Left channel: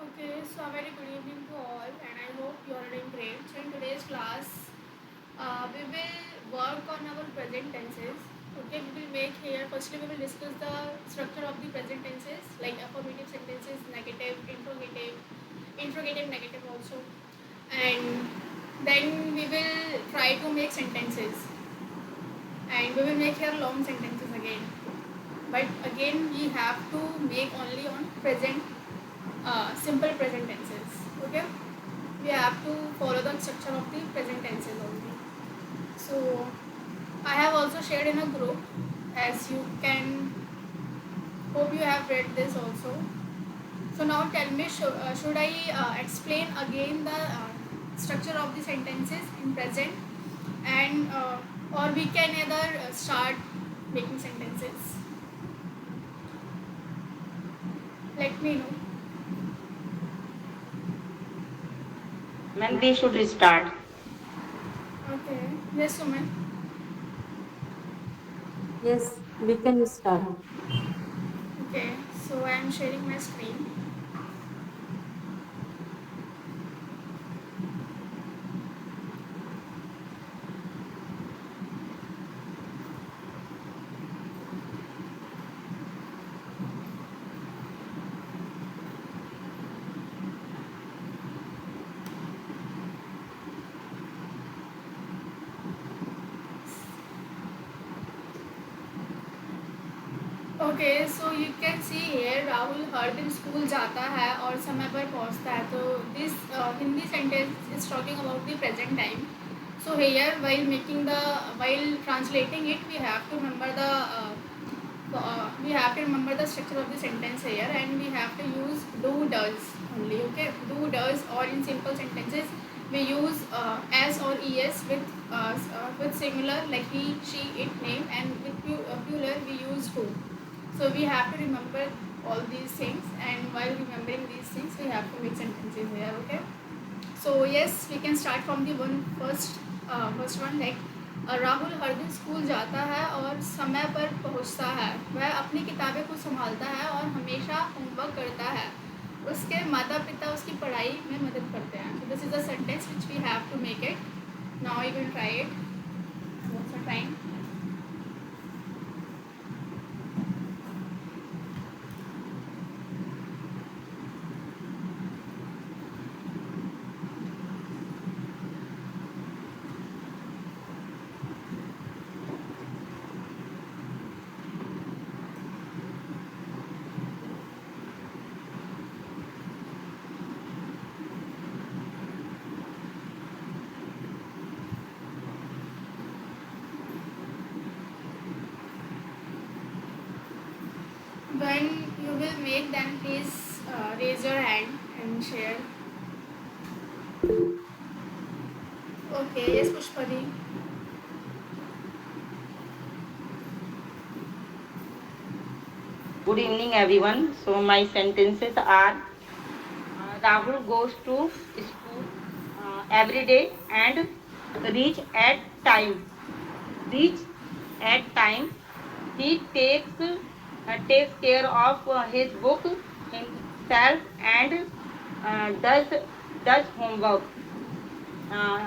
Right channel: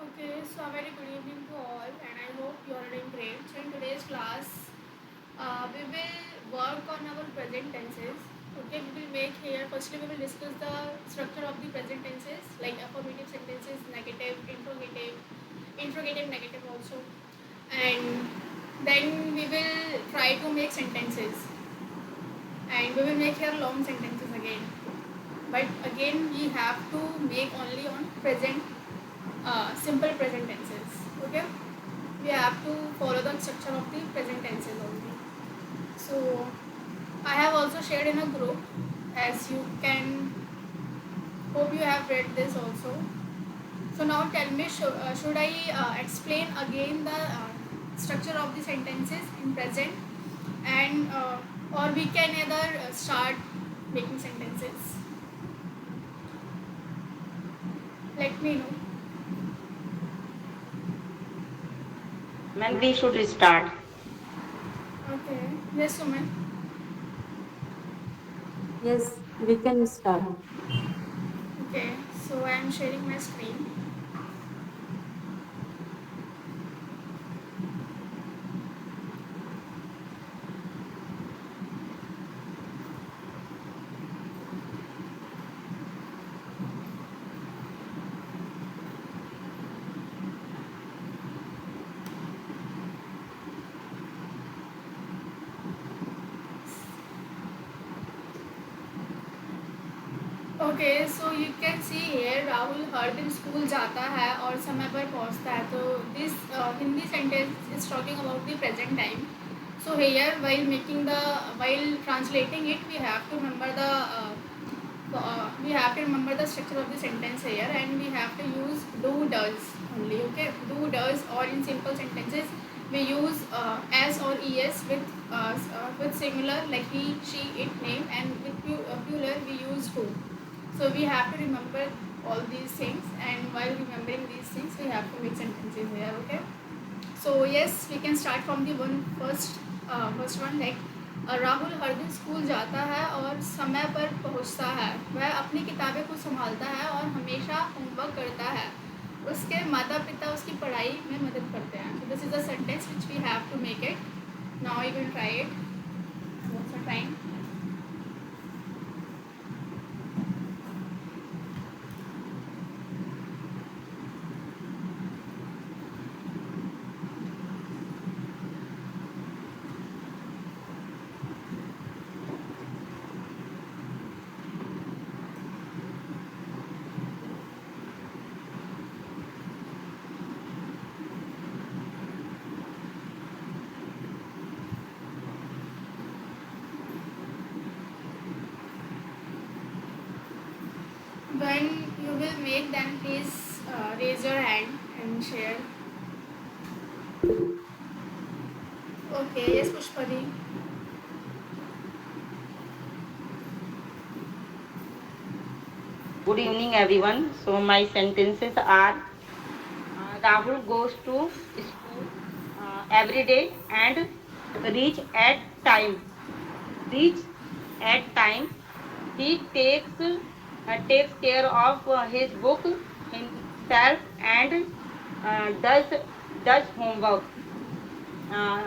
Okay, so a very good evening to all, and I hope you are doing great. So, in today's class, we will work on our present tenses. Okay, we will make here. Firstly, we will discuss the structure of the present tenses, like affirmative sentences, negative, interrogative, negative also, and then we will try to make sentences, and we will make here long sentences again. But again, we have to make only on present, simple present tenses. Okay, we have to follow the structure of the present tenses only. So I have also shared in a group, as you can, hope you have read this also. So now tell me, should I explain again the structure of the sentences in present, and or we can either start making sentences. Let me know. Ma'am, we should start. Okay. Yes, Suman. Yes, we can start. Okay. So I am sharing my screen. Okay so you can see here Rahul हर दिन school जाता है और समय पर पहुंचता है तो this Hindi sentence is talking about the present time so here while making the while translating it we have to remember the structure of the sentence here, and we have to use do does only. Okay, do does, or in simple sentences we use as or es with singular like he she it name, and with plural we use to. So we have to remember all these things, and while remembering these things, we have to make sentences here. Okay. So yes, we can start from the first one like Rahul हर दिन school जाता है और समय पर पहुंचता है। वह अपनी किताबें को संभालता है और हमेशा होमवर्क करता है। उसके माता पिता उसकी पढ़ाई में मदद करते हैं। So this is the sentence which we have to make it. Now you will try it. What's the time? When you will make, then please raise your hand and share. Okay, yes, Pushpadi. Good evening, everyone. So my sentences are: Rahul goes to school every day and reach at time. Reach at time. He takes care of his book himself and does homework. Uh,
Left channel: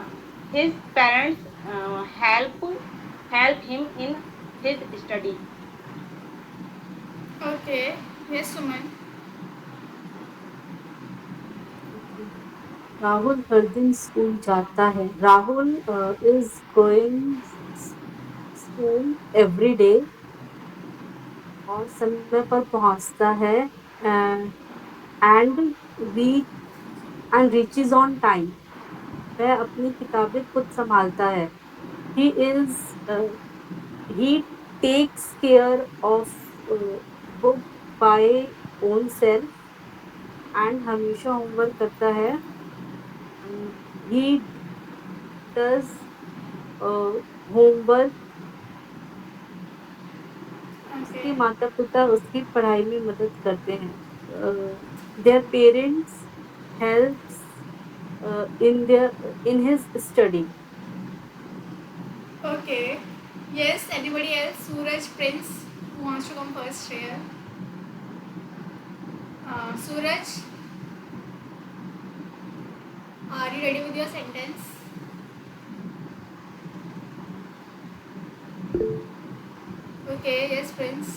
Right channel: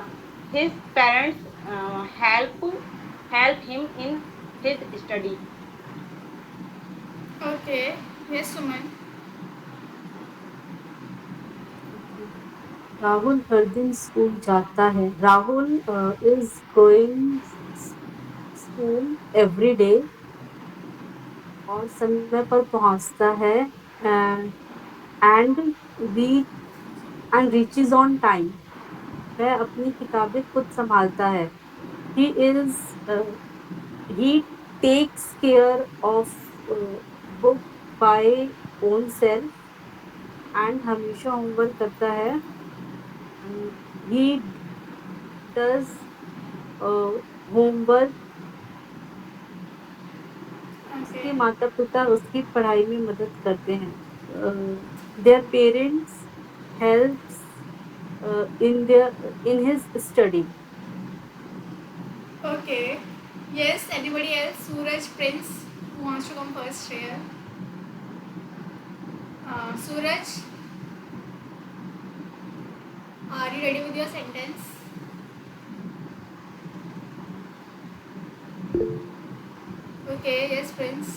his parents help him in his study. Okay, yes, Suman. Okay. Rahul हर दिन school जाता है. Rahul is going school every day और समय पर पहुंचता है and reach reaches on time. वह अपनी किताबें खुद संभालता है. He is he takes care of book by own self and हमेशा होमवर्क करता है. He does homework. Okay. उसके माता पिता उसकी पढ़ाई में मदद करते हैं. Their parents helps in his study. Okay. Yes, anybody else? Suraj, Prince, who wants to come first here? Suraj? ready with your sentence? Okay, yes, Prince.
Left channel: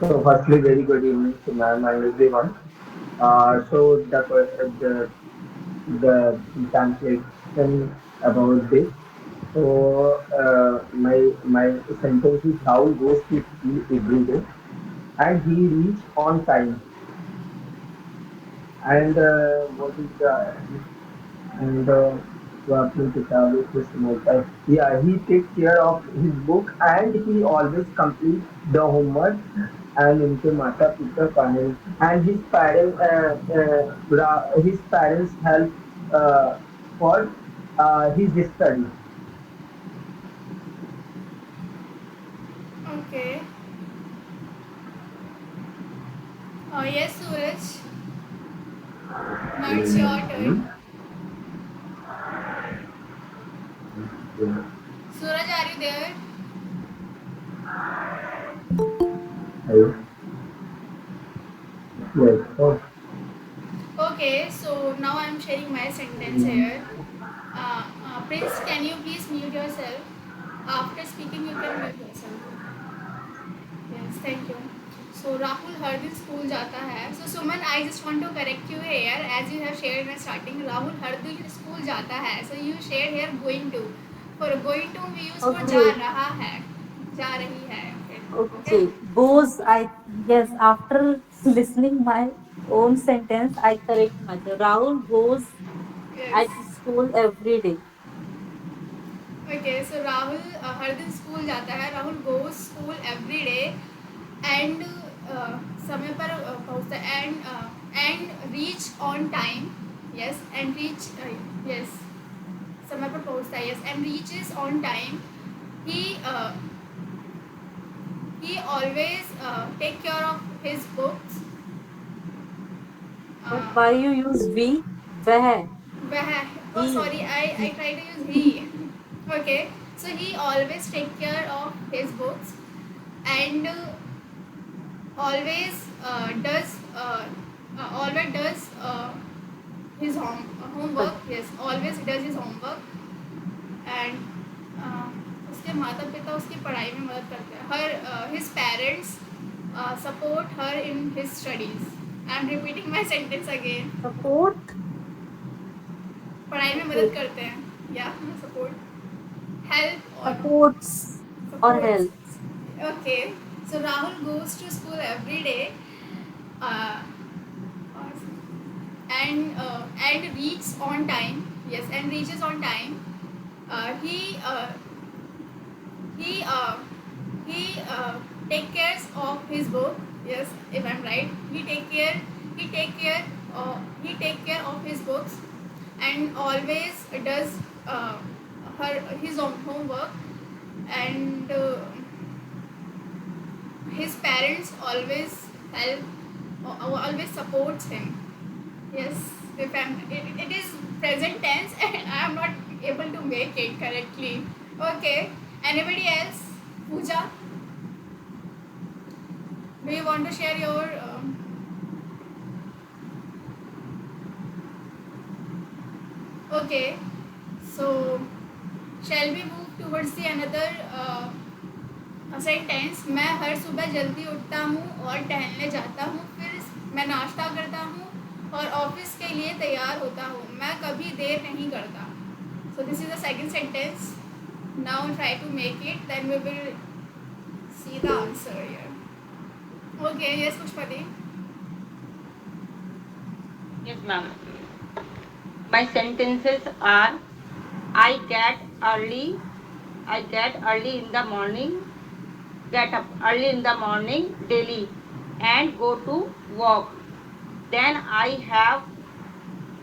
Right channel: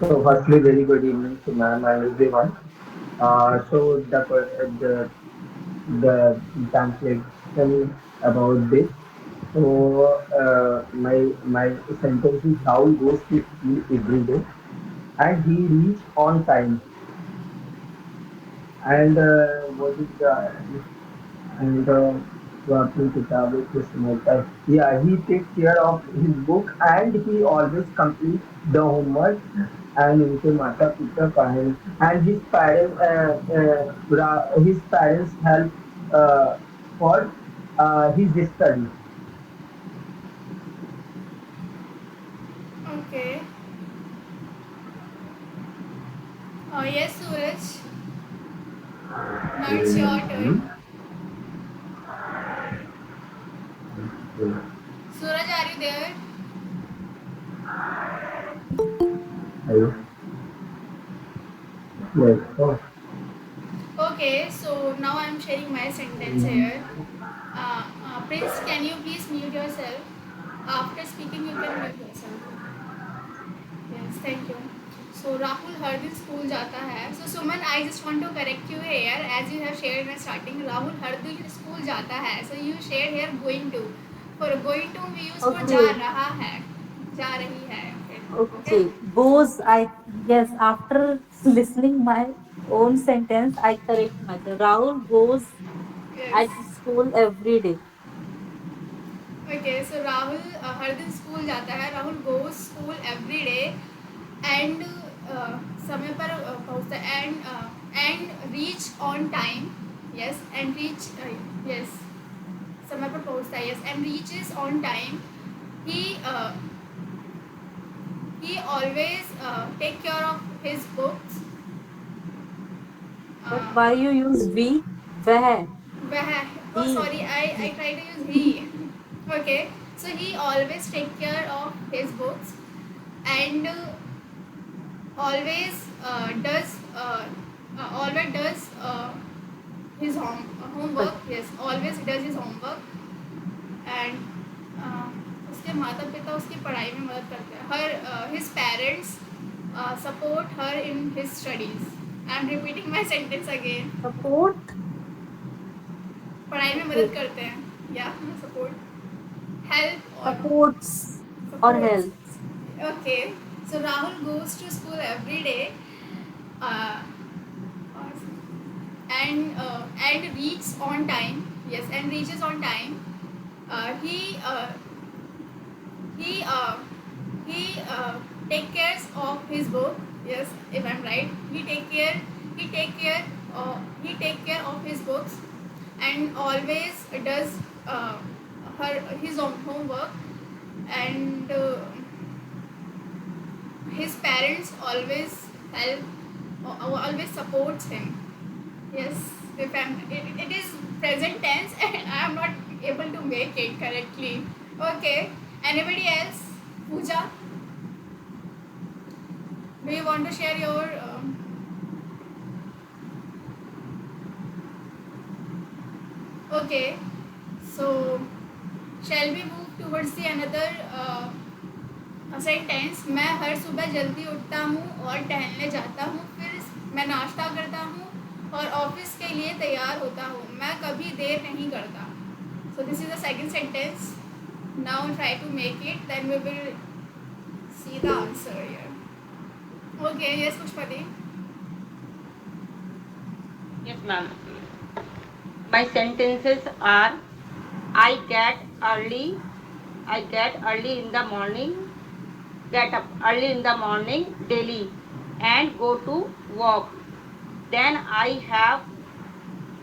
So, firstly, very good evening to ma'am and everyone. The translation about this. My sentence is Rahul goes to school every day and he reach on time. And what is the and अपनी किताबें को समझता है. Yeah, he take care of his book and he always complete the homework. And उनके माता पिता parents and his parents help for his study. Okay. Yes, Suraj. Now it's your turn. Suraj, are you there? Hello. Yes. Oh. Okay, so now I'm sharing my sentence here. Prince, can you please mute yourself? After speaking, you can mute yourself. Yes, thank you. So Rahul हर दिन school जाता है. So Suman, I just want to correct you here, as you have shared in the starting. Rahul हर दिन school जाता है. So you shared here going to. For going to we use for जा Okay. रहा है, जा रही है. Okay. Okay. Goes, yes, after listening my own sentence, I correct myself. Rahul goes Yes. at school every day. Okay, so Rahul हर दिन school जाता है. Rahul goes school every day and समय पर पहुँचता है and reach on time. Yes, and reach yes, समय पर पहुँचता है. Yes, and reaches on time. He he always take care of his books. But Uh, why you use we? Where? oh He. sorry, I try to use he. Okay, so he always take care of his books and always does his homework. Yes, always does his homework and uh, उसके माता पिता उसकी पढ़ाई में मदद करते हैं. Her his parents support her in his studies. I am repeating my sentence again. Support? पढ़ाई में मदद करते हैं. Yeah, support, help or Supports or supports. helps. Okay, so Rahul goes to school every day uh, and reaches on time. Yes, and reaches on time. Uh, he uh, he uh, he take cares of his book. Yes, if I'm right, he take care of his books and always does his own homework and his parents always help always supports him. Yes, if it is present tense and I am not able to make it correctly. Okay, anybody else? Pooja, do you want to share your okay, so shall we move towards the another sentence. मैं हर सुबह जल्दी उठता हूँ और टहलने जाता हूँ, फिर मैं नाश्ता करता हूँ और ऑफिस के लिए तैयार होता हूँ. मैं कभी देर नहीं करता. So this is the second sentence. Now try to make it, then we will see the answer here. Okay, yes Pushpati. Yes, ma'am. My sentences are: I get early. I get early in the morning. Get up early in the morning daily and go to work. Then I have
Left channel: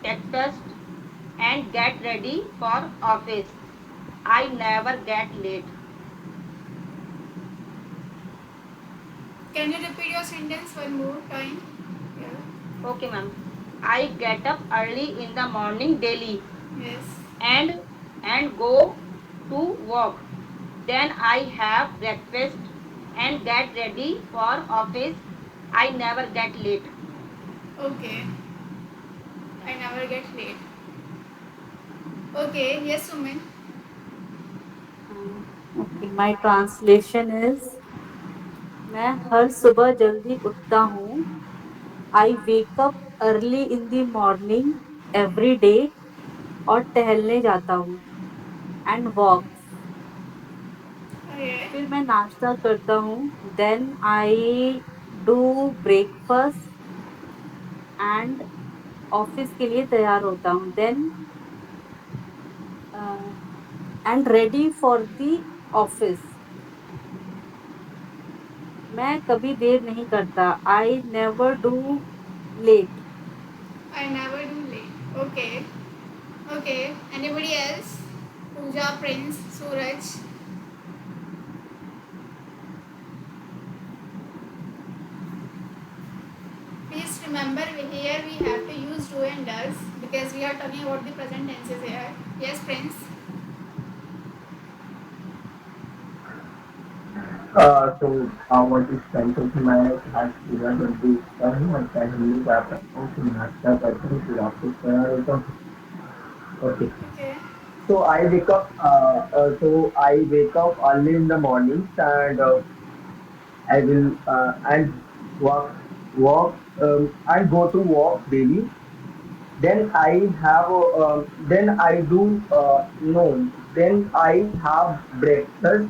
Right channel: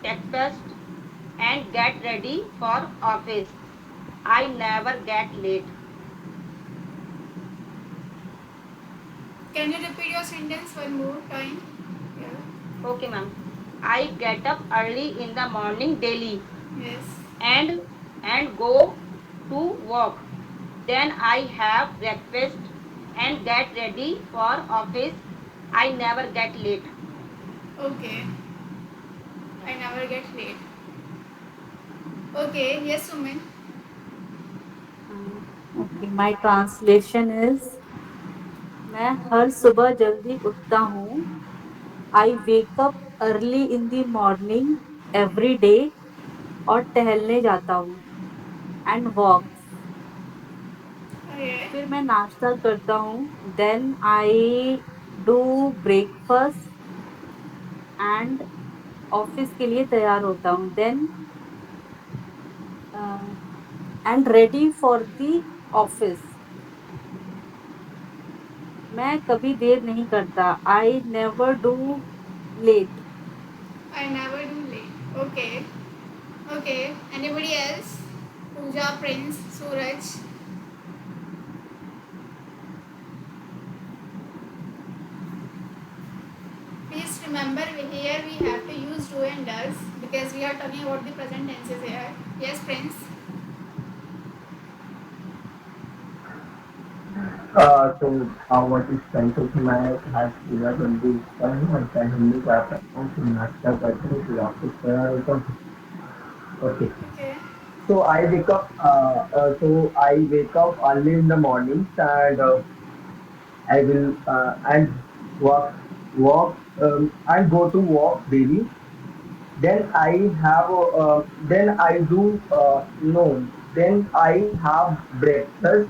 breakfast and get ready for office. I never get late. Can you repeat your sentence one more time? Yeah. Okay, ma'am. I get up early in the morning daily Yes. and go to work. Then I have breakfast and get ready for office. I never get late. Okay. I never get late. Okay, yes, Sumin. Okay, my translation is मैं हर सुबह जल्दी उठता हूँ. I wake up early in the morning every day और टहलने जाता हूँ and walks. Okay. फिर मैं नाश्ता करता हूँ. Then I do breakfast and office के लिए तैयार होता हूँ. Then and ready for the office. मैं कभी देर नहीं करता. I never do late. I never do late. Okay. Okay. Anybody else? Pooja, Prince, Suraj. Please remember here we have to use do and does because we are talking about the present tenses here. Yes, Prince. तो what is sentence मैं आज पूरा जल्दी उठता हूँ और टहलने जाता हूँ फिर नाश्ता करता हूँ फिर ऑफिस तैयार होता हूँ. Okay. Okay. So I wake up early in the mornings and I will and walk and go to walk daily. Then I do no. Then I have breakfast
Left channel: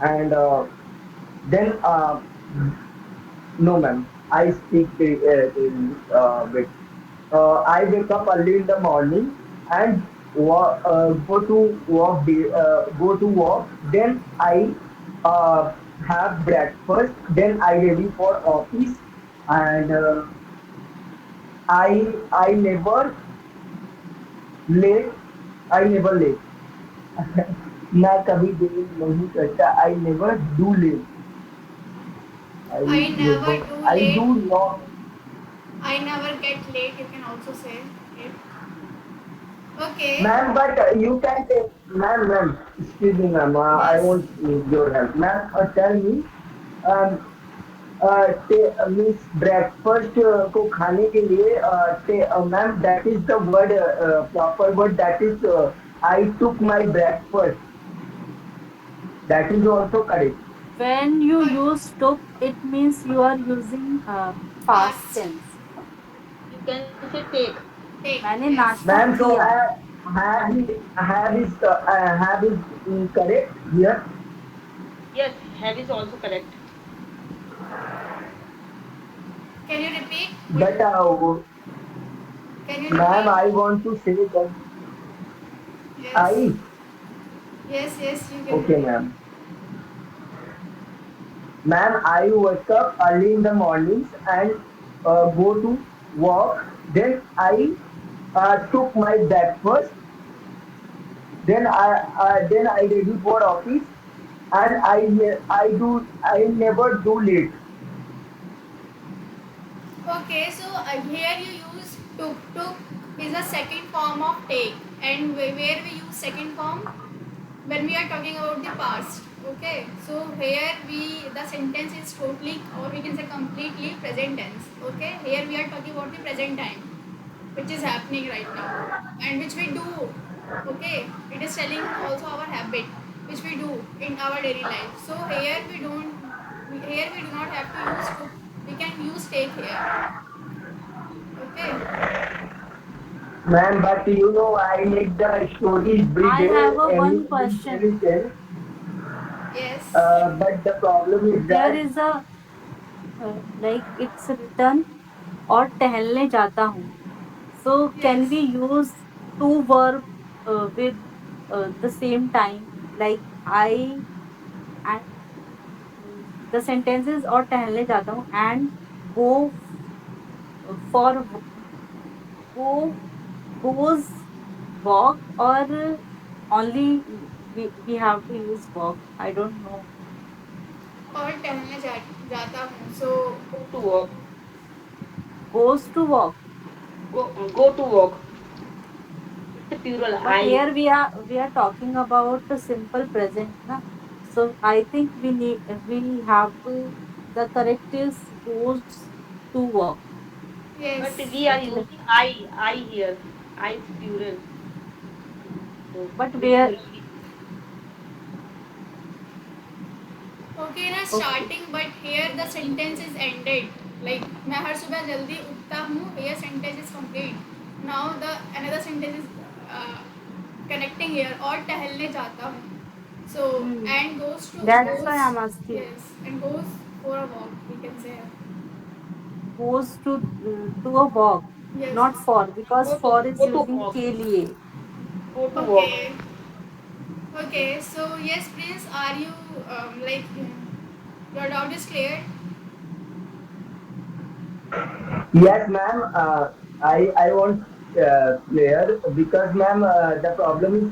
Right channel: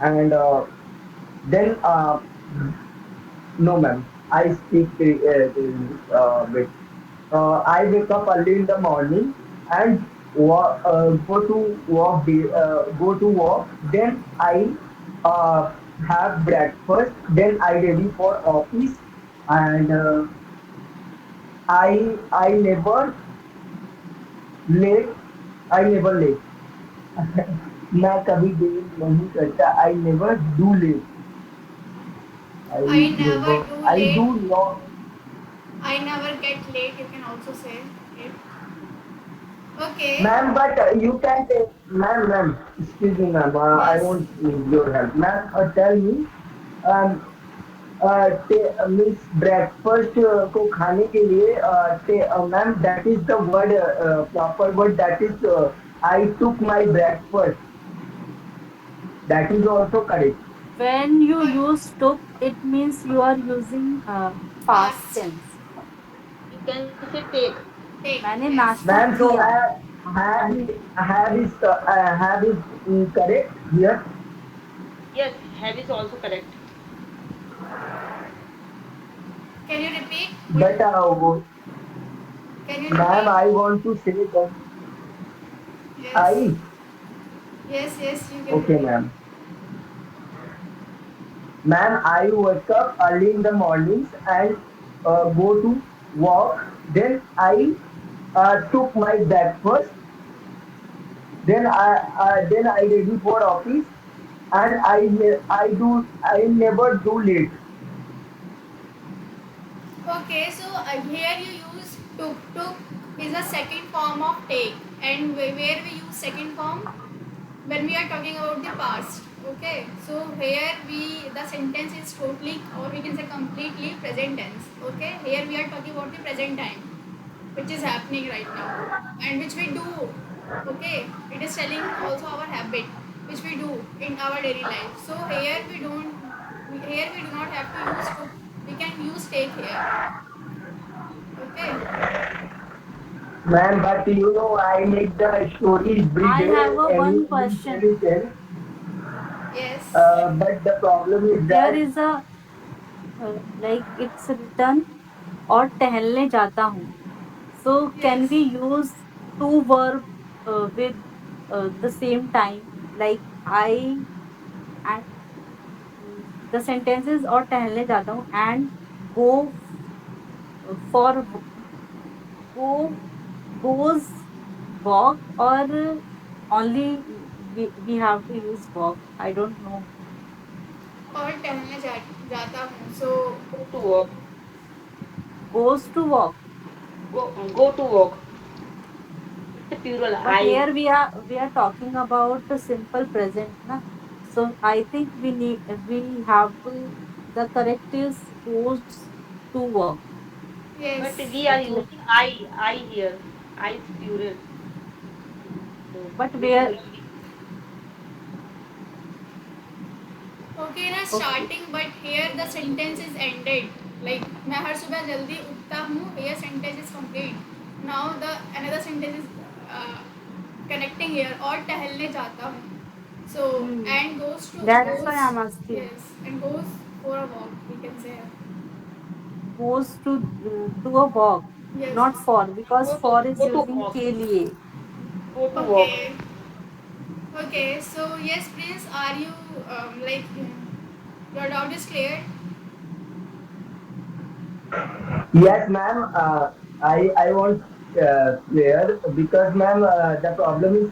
and then no ma'am. I speak with. I wake up early in the morning and go to work. Then I uh, have breakfast. Then I ready for office and I never late. I never late. मैं कभी देर नहीं करता. I never do late. I I never never. do I late. do not. I never get late. You can also say it. Okay. Ma'am, but you can take, ma'am, excuse me, ma'am, I Yes. won't need your help. Ma'am, tell me, um, means breakfast को खाने के लिए ma'am, that is the word, proper word, that is, I took my breakfast. That is also correct. When you But use took, it means you are using past past. tense. You can say take. Take. मैंने Yes. नाश्ता Ma'am, so किया. have is correct here. Yes, have is also correct. Can you repeat? But Can you ma'am, repeat? I want to say that Yes. I, Yes. Yes. You can okay, repeat. ma'am. Ma'am, I wake up early in the mornings and go to work. Then I took my breakfast. Then I ready for office, and I never do late. Okay, so here you use took. Took is a second form of take, and where we use second form when we are talking about the past. Okay, so here the sentence is totally, or we can say completely, present tense. Okay, here we are talking about the present time, which is happening right now, and which we do. Okay, it is telling also our habit, which we do in our daily life. So here we don't. Here we do not have to use took. We can use take here. Okay. Ma'am, but I make the story every I day, have a one question. every day. Yes. But the problem is There that is a like it's written और टहलने जाता हूँ. So can Yes. we use two verb with the same time like I and the sentences और टहलने जाता हूँ and go for go goes walk or only we have to use walk. I don't know. और टहलने जाता हूँ. So Go to work. Goes to walk. Go to work. It's a plural. But I. here we are talking about the simple present, na? So I think we have to the correct is goes to work. Yes. But we are using I here. I is plural. So But which where? will be Okay, ना Okay. starting, but here the sentence is ended. Like मैं हर सुबह जल्दी उठता हूँ. Here sentence is complete. Now the another sentence is connecting here. और टहलने जाता हूँ. So Hmm. and goes to That's why goes, I'm asking. yes, and goes for a walk. We can say Goes to a walk, yes. not for, because for is go to using walk. के लिए. Go to walk. Okay. Okay. So yes, Prince, are you like your doubt is clear? Yes, ma'am. I want clear because, ma'am, the problem is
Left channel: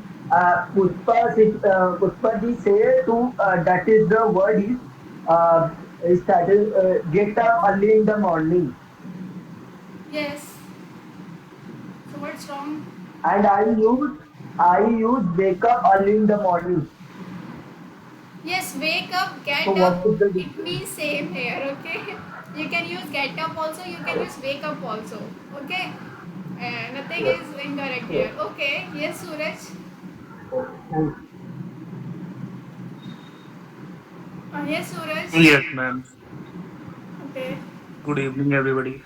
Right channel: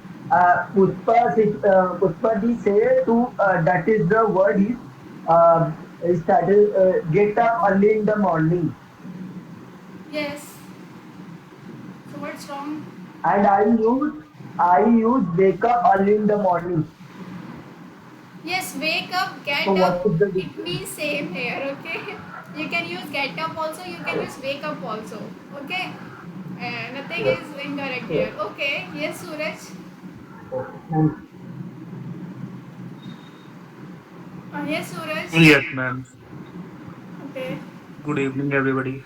Pushpa di say to that is the word uh, is started get up early in the morning, Yes. So what's wrong? and I use wake up early in the morning. Yes, wake up, So get up. what is the It difference? means same here, okay? You can use get up also, you can use wake up also, okay? Nothing is incorrect here. Okay, yes, Suraj. Yes, Suraj. Yes, ma'am. Okay. Good evening, everybody.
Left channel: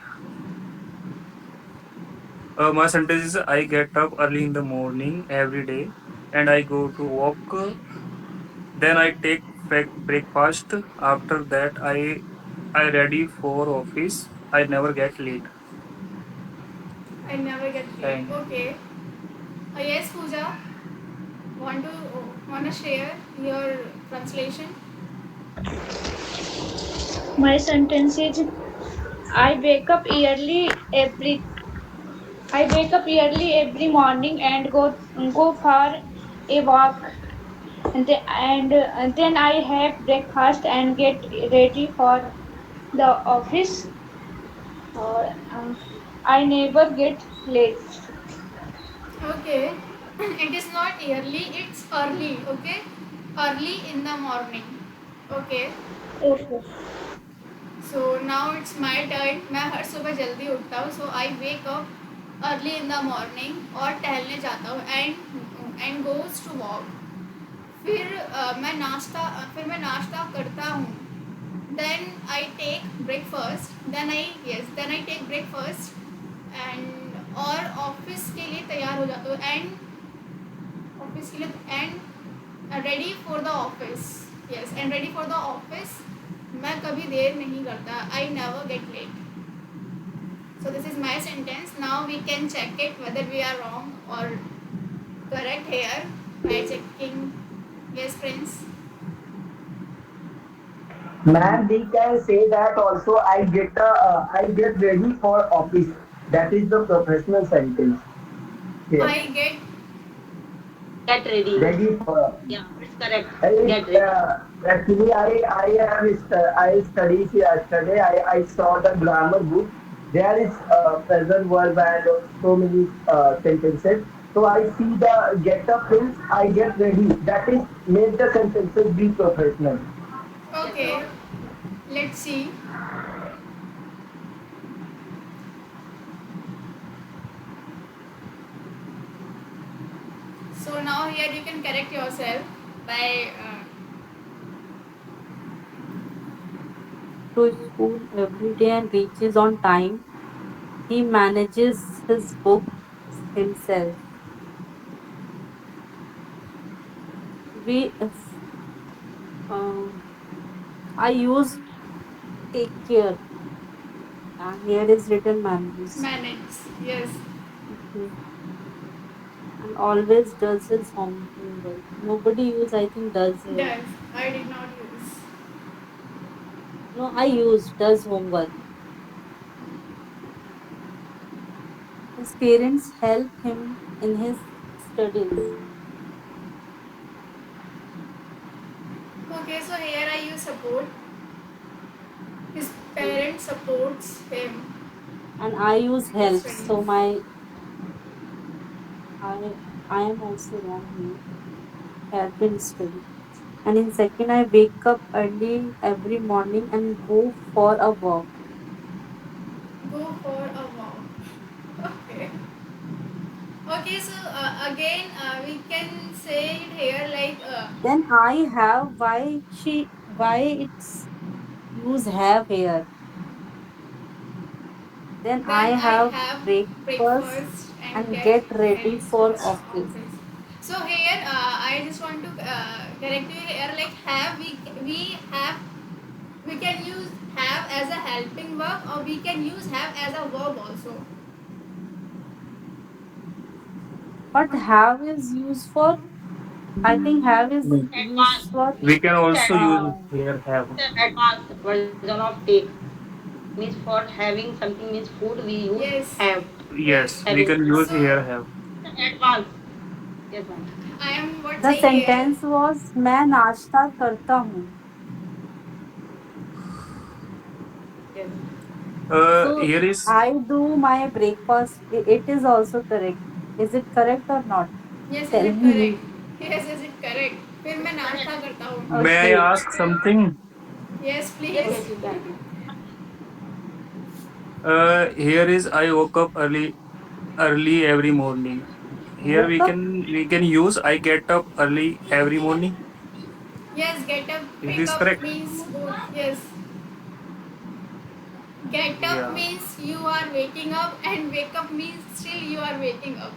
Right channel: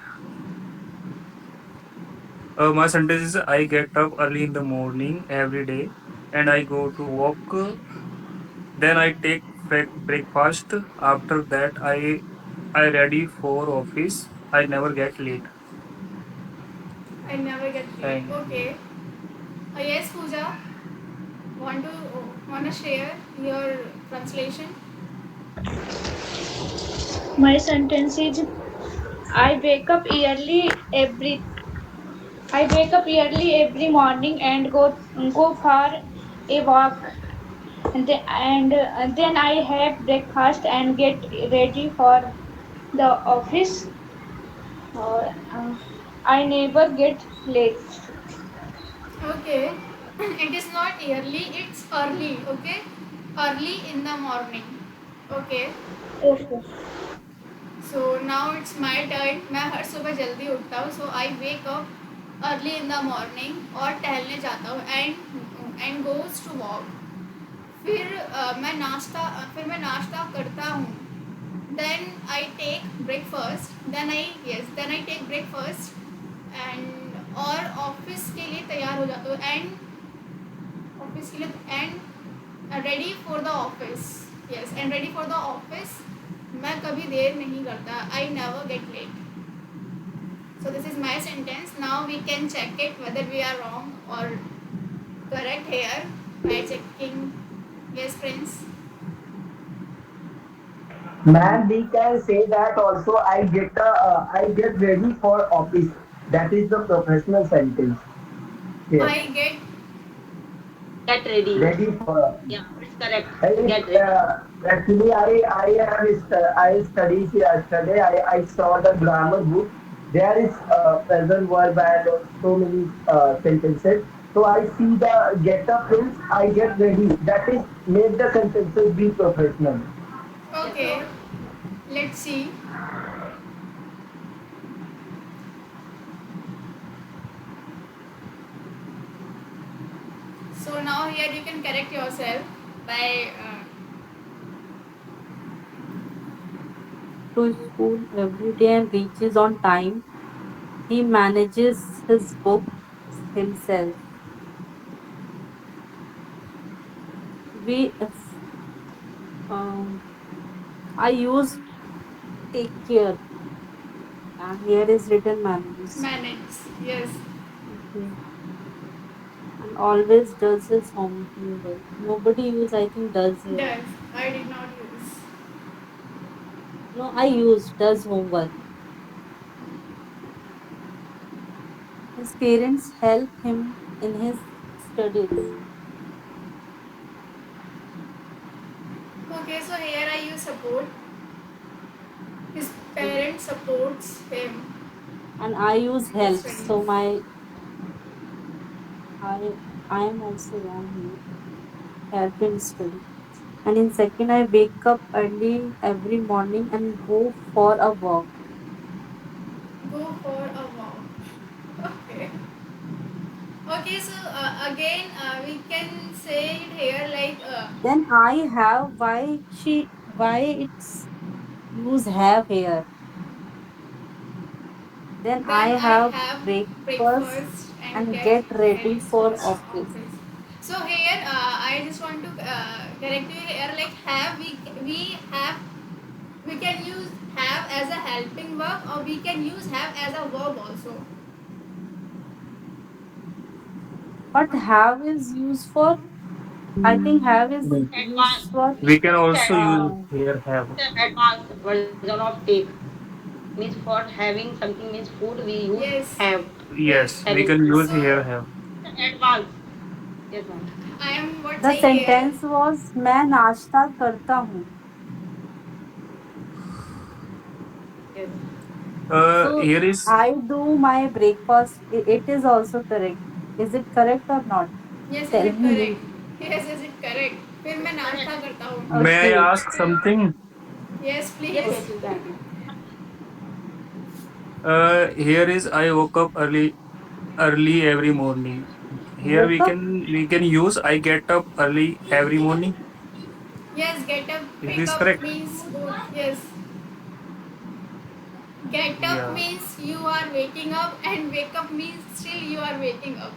My sentence is I get up early in the morning every day and I go to walk. Then I take breakfast. After that, I ready for office. I never get late. I never get late. Thank. Okay. Yes, Pooja. Wanna share your translation? My sentence is I wake up early every I wake up early every morning and go for a walk and then I have breakfast and get ready for the office. Uh, I never get late. Okay. It is not early, it's early, okay? Early in the morning. Okay. Okay. So now it's my turn. मैं हर सुबह जल्दी उठता हूँ. So I wake up early in the morning और टहलने जाता हूँ and goes to walk. फिर मैं नाश्ता करता हूँ. Then I take breakfast. Then I take breakfast and और ऑफिस के लिए तैयार हो जाता हूँ and ready for the office. Yes, and ready for the office. मैं कभी देर नहीं करता. I never get late. So this is my sentence. Now we can check it whether we are wrong or correct here by checking. Yes, Prince. Man, we can say that also. I get ready for office. That is the professional sentence here. I get Get ready. Ready for. Yeah, it's correct. I, Get ready. actually, I studied yesterday. I saw the grammar book. There is present verb and so many sentences. So I see the get up means I get ready. That is make the sentences be professional. okay. Let's see. So now here you can correct yourself by To school every day and reaches on time. He manages his books himself. We, if, um, I use take care. Here is written manages. manage. Yes, Okay. And always does his homework. Nobody use, I think, does here. does. I did not use. No, I use does homework. His parents help him in his studies. Okay, so here I use support. His parent supports him And I use in his help. studies. So my I I am also wrong here. Help in study. And in second, I wake up early every morning and go for a walk. go for a walk. Okay. Okay, so again, we can say it here like Then I have why it's use have here. Then I then I have have breakfast breakfast and and get get ready ready for for office. office. So here, I just want to correct you here. Like have we have we can use have as a helping verb, or we can use have as a verb also. But have is used for, I think have is We used for we can also use uh, here have. Advanced version of take means for having something means food we use Yes, have. yes. Yes, we Having can use So here have. advanced. Yes, ma'am. I am what the saying here. sentence was मैं नाश्ता करता हूँ. Yes. So Here is I do my breakfast. It is also correct. Is it correct or not? Yes, is Tell it me. correct? Yes, is it correct? फिर मैं नाश्ता करता हूँ. may I Okay. ask something? Yes, Yes, please. yes, you can. Here is I woke up early every morning. Here Woke up. we can use I get up early every morning. Yes, get up, Is wake this up correct? means both. Yes, get up Yeah. means you are waking up, and wake up means still you are waking up.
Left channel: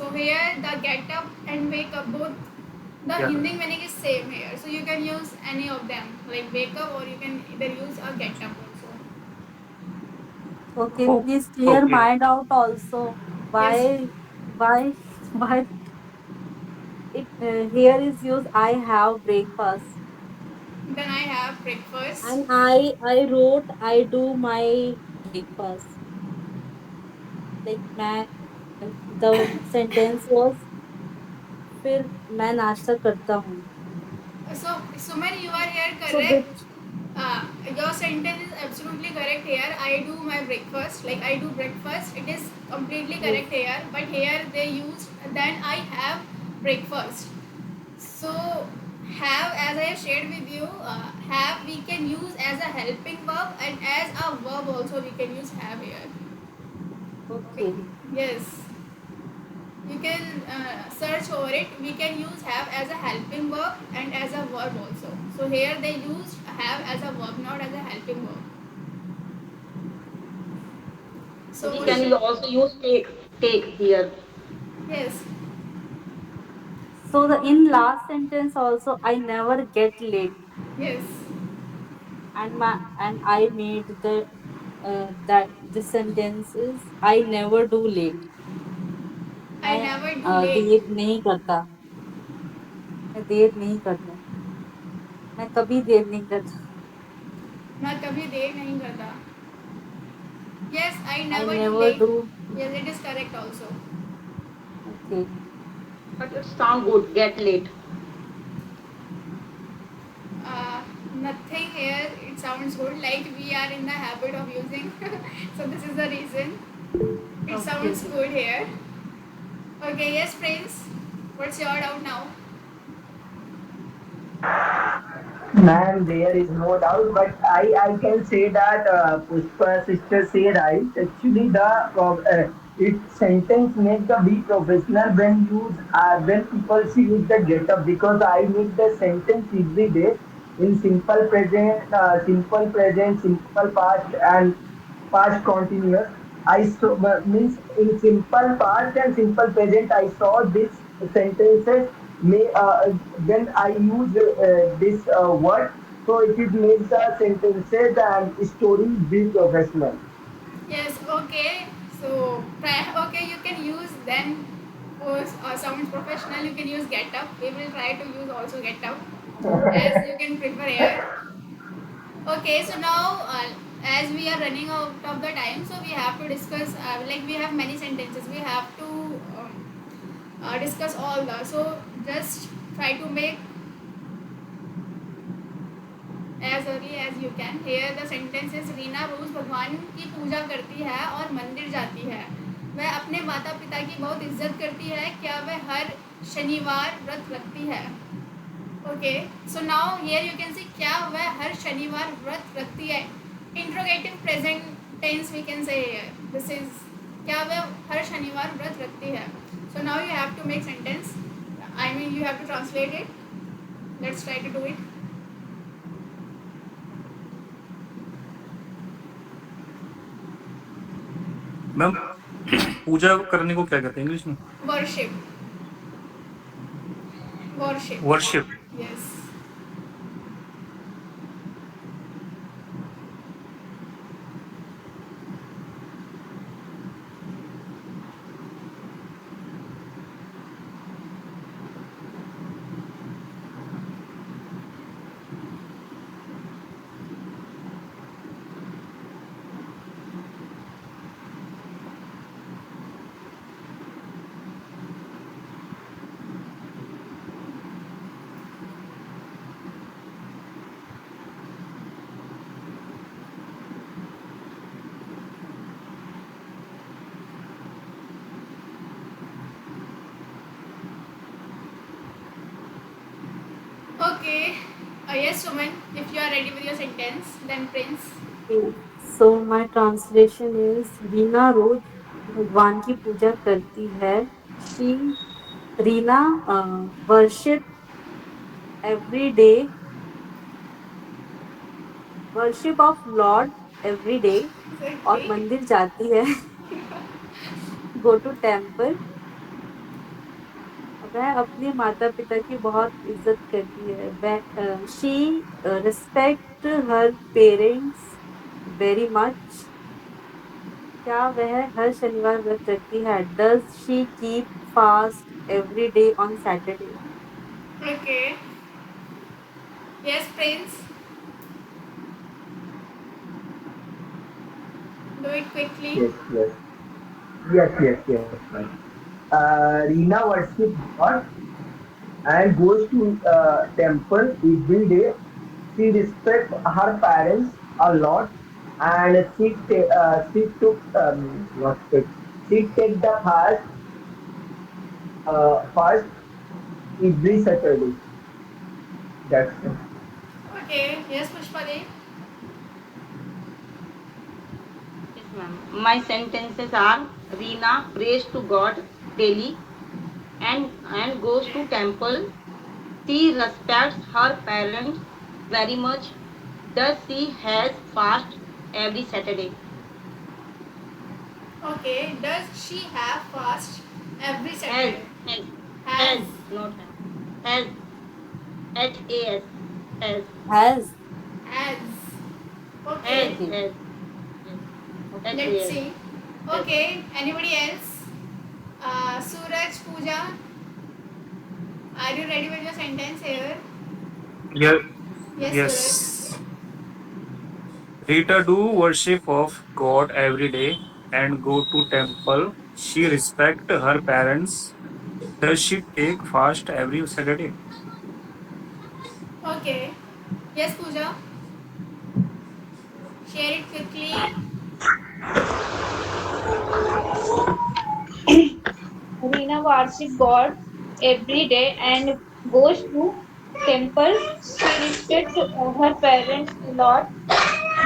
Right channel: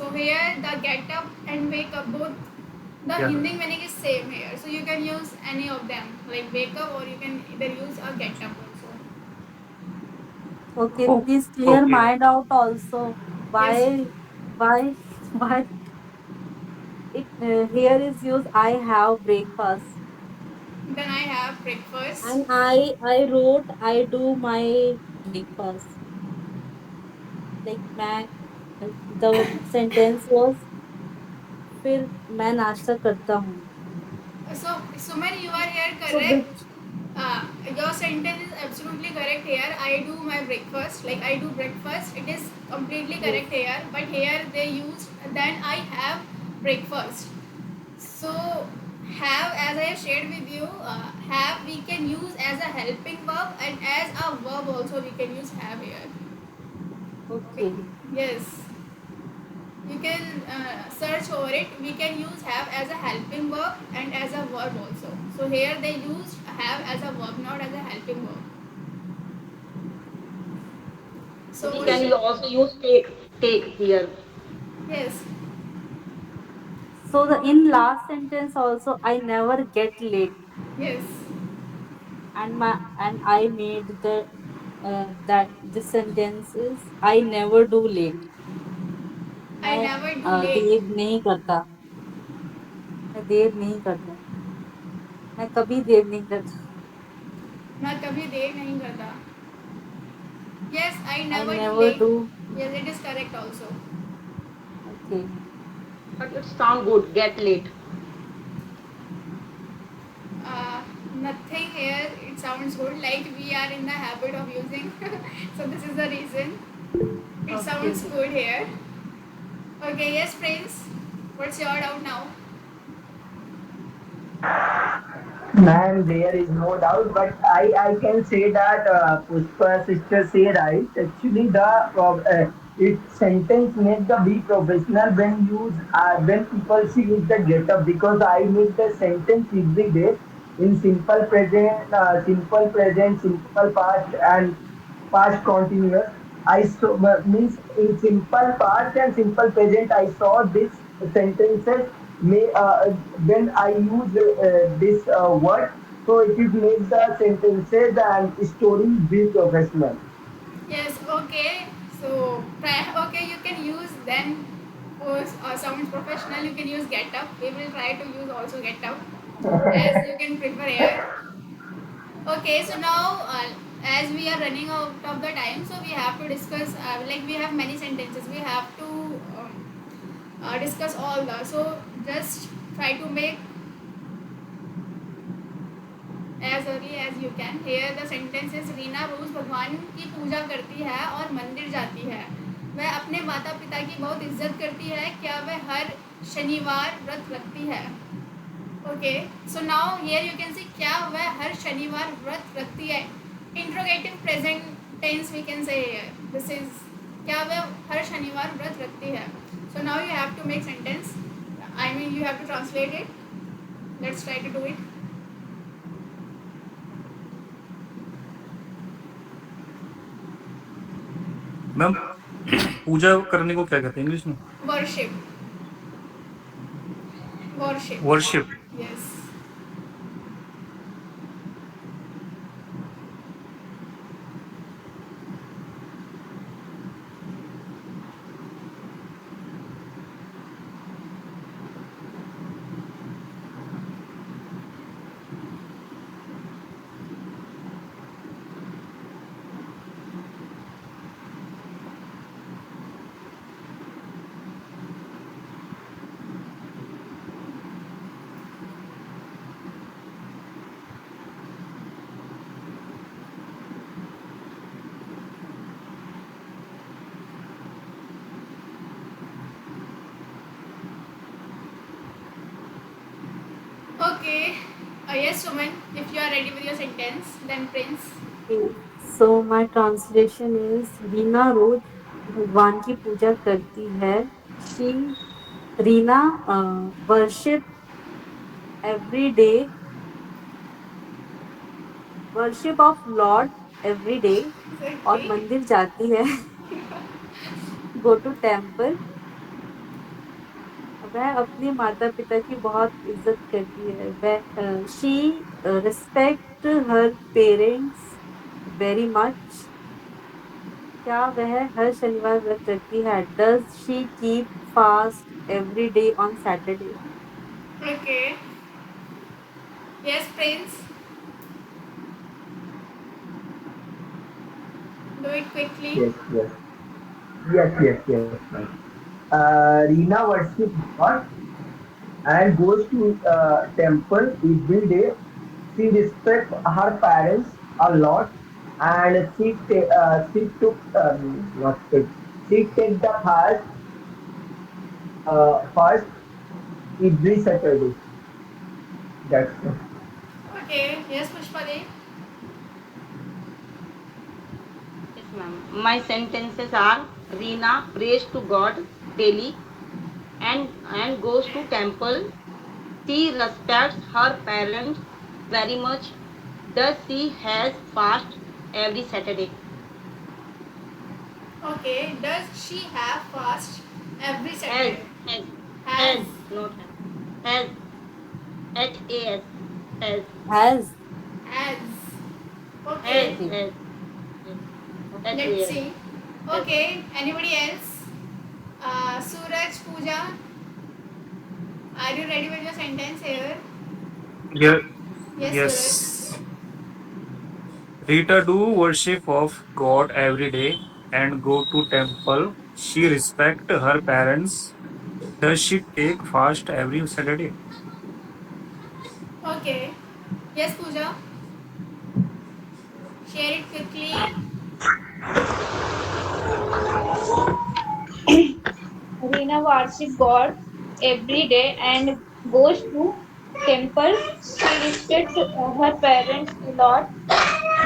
So here the get up and wake up both the Yeah. Hindi meaning is same here. So you can use any of them like wake up, or you can either use a get up also. Okay. Oh, Please clear okay. mind out also. Yes, Why why it here is used I have breakfast. then I have breakfast. And I wrote I do my breakfast. Like मैं the sentence was फिर मैं नाश्ता करता हूँ. So Suman, you are here So correct. Your sentence is absolutely correct here. I do my breakfast, like I do breakfast. It is completely yes. correct here. But here they used then I have breakfast. So have, as I have shared with you, have we can use as a helping verb, and as a verb also we can use have here. Okay. Okay. Yes. You can search over it. We can use have as a helping verb and as a verb also. So here they used have as a verb, not as a helping verb. So We can also use take here. yes, So the in last sentence also I never get late. yes. And I made the that this sentence is I never do late. I मैं never do late. देर नहीं करता. मैं देर नहीं करता. मैं कभी देर नहीं करता. मैं कभी देर नहीं करता. Yes, I I never do never late. do. Yes, it is correct also. Okay. But it sound good. Get late. Nothing here. It sounds good. Like we are in the habit of using. So this is the reason. It Okay. sounds good here. Okay. Yes, Prince. What's your doubt now? Man, there is no doubt, but I can say that Pushpa sister say right. Actually, it sentence make the be professional when people see use the get up, because I make the sentence every day in simple past and past continuous. I saw means in simple past and simple present. I saw this sentences may when I use this word, so it will make the sentences and stories be professional. Yes. Okay. So okay, you can use then. For sounds professional, you can use get up. We will try to use also get up as you can prefer here. Okay, so now as we are running out of the time, so we have to discuss like we have many sentences. We have to discuss all the. So just try to make as early as you can. Here the sentence is Reena रोज भगवान की पूजा करती है और मंदिर जाती है. वह अपने माता पिता की बहुत इज्जत करती है. क्या वह हर शनिवार व्रत रखती है? Okay, so now here you can see क्या वह हर शनिवार व्रत रखती है. Interrogative present tense we can say this is क्या वह हर शनिवार व्रत रखती है. So now you have to make sentence. I mean you have to translate it. Let's try to do it. Ma'am पूजा करने को क्या कहते हैं इंग्लिश में? Worship. Worship. Worship. Yes. Okay. Yes, Suman. If you are ready with your sentence, then Prince. So my translation is Reena रोज भगवान की पूजा करती है. She Reena worship every day, worship of Lord every day और Okay. मंदिर जाती है. Go to temple. वह अपने माता पिता की बहुत इज्जत करती है. वह she respect her parents very much. क्या वह हर शनिवार व्रत रखती है? Does she keep fast every day on Saturday? Okay. Yes, Prince. Do it quickly. Yes, yes, yes, ma'am. Reena worships God and goes to temple every day. She respects her parents a lot, and she took not take she take the fast every Saturday. That's it. Okay. Yes, Pushpali. Yes, ma'am. My sentences are Reena prays to God daily and goes to temple. She respects her parents very much. Does she has fast every Saturday? Okay. Does she have fast every Has Saturday? has Has. has not has has has Has. Has. has Okay. has Let's has see. has. Okay. Anybody else? Suraj, Pooja. Are you ready with your sentence here? Yeah. Yes, Suraj. Yes. Rita do worship of God every day and go to temple. She respect her parents. Does she take fast every Saturday? Okay. Yes, Pooja. Share it quickly. Reena worships God every day and goes to temple. She respects her parents a lot.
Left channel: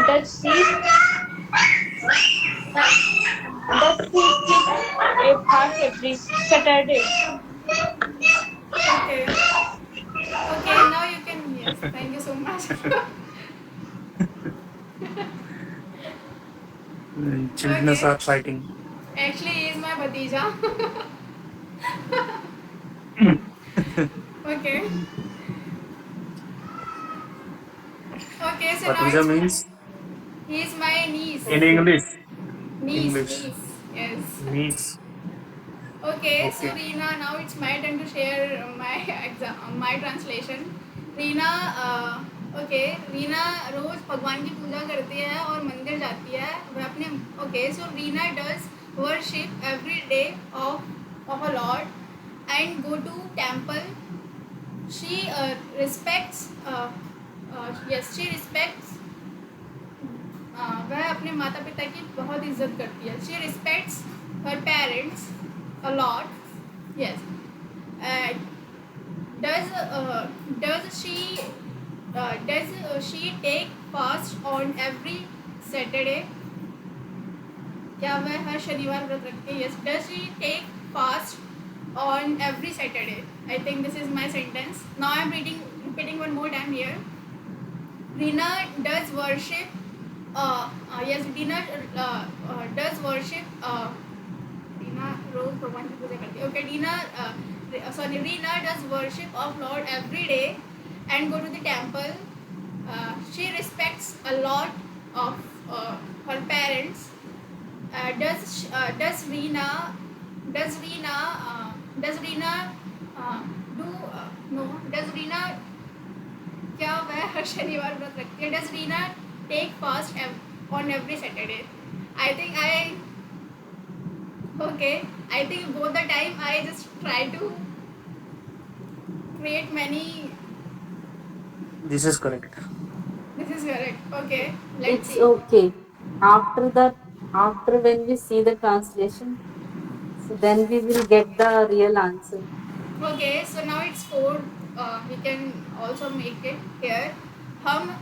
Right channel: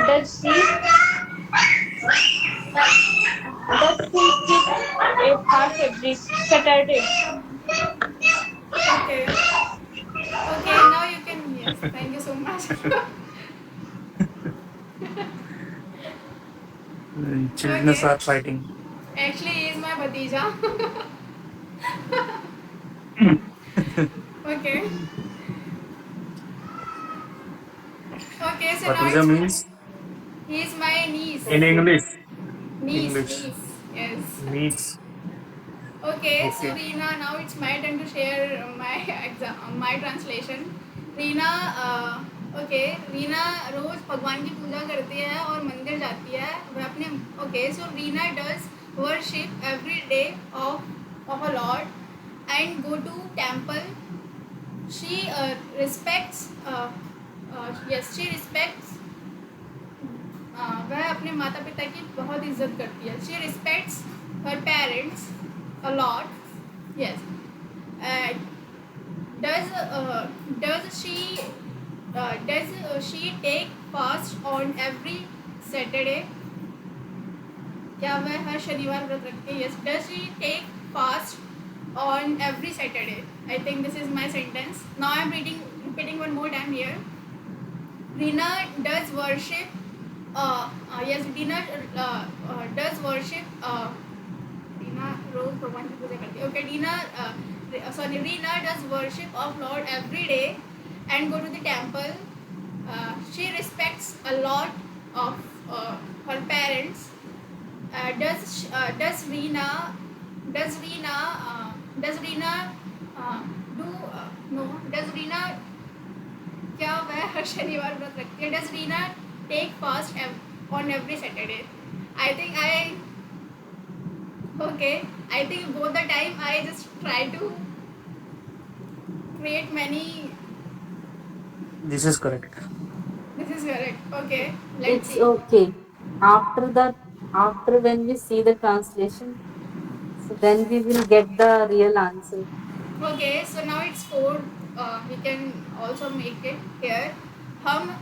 Does she does she keep a fast every Saturday? Okay. Okay, now you can. Yes, thank you so much. Children Okay. are fighting. Actually, he is my Bhatija. Okay. Okay, so now Bhatija it's my. means He is my niece. in English. Niece, English. niece. Yes. Niece. Okay, so Okay. Reena, now it's my turn to share my my translation. Reena okay Reena रोज भगवान की पूजा करती है और मंदिर जाती है. वह अपने okay so Reena does worship every day of a lord and go to temple. She respects yes she respects वह अपने माता पिता की बहुत इज्जत करती है. She respects her parents a lot. Yes. Does she take fast on every Saturday? क्या वह हर शनिवार व्रत रखती है? Yes. Does she take fast on every Saturday? I think this is my sentence. Now I'm repeating one more time here. Rina does worship. Yes, Rina does worship. Rina रोज भगवान की पूजा करती है. Okay, Rina does worship of Lord every day and go to the temple. She respects a lot of her parents. Does Rina does Rina does Rina do no does Rina क्या वह हर शनिवार व्रत रखती है? Does Rina take fast on every Saturday? I think both the time I just try to create many. This is correct. This is correct. Okay, let's It's see. okay. After when we see the translation, so then we will get the real answer. Okay, so now it's 4. We can also make it here. हम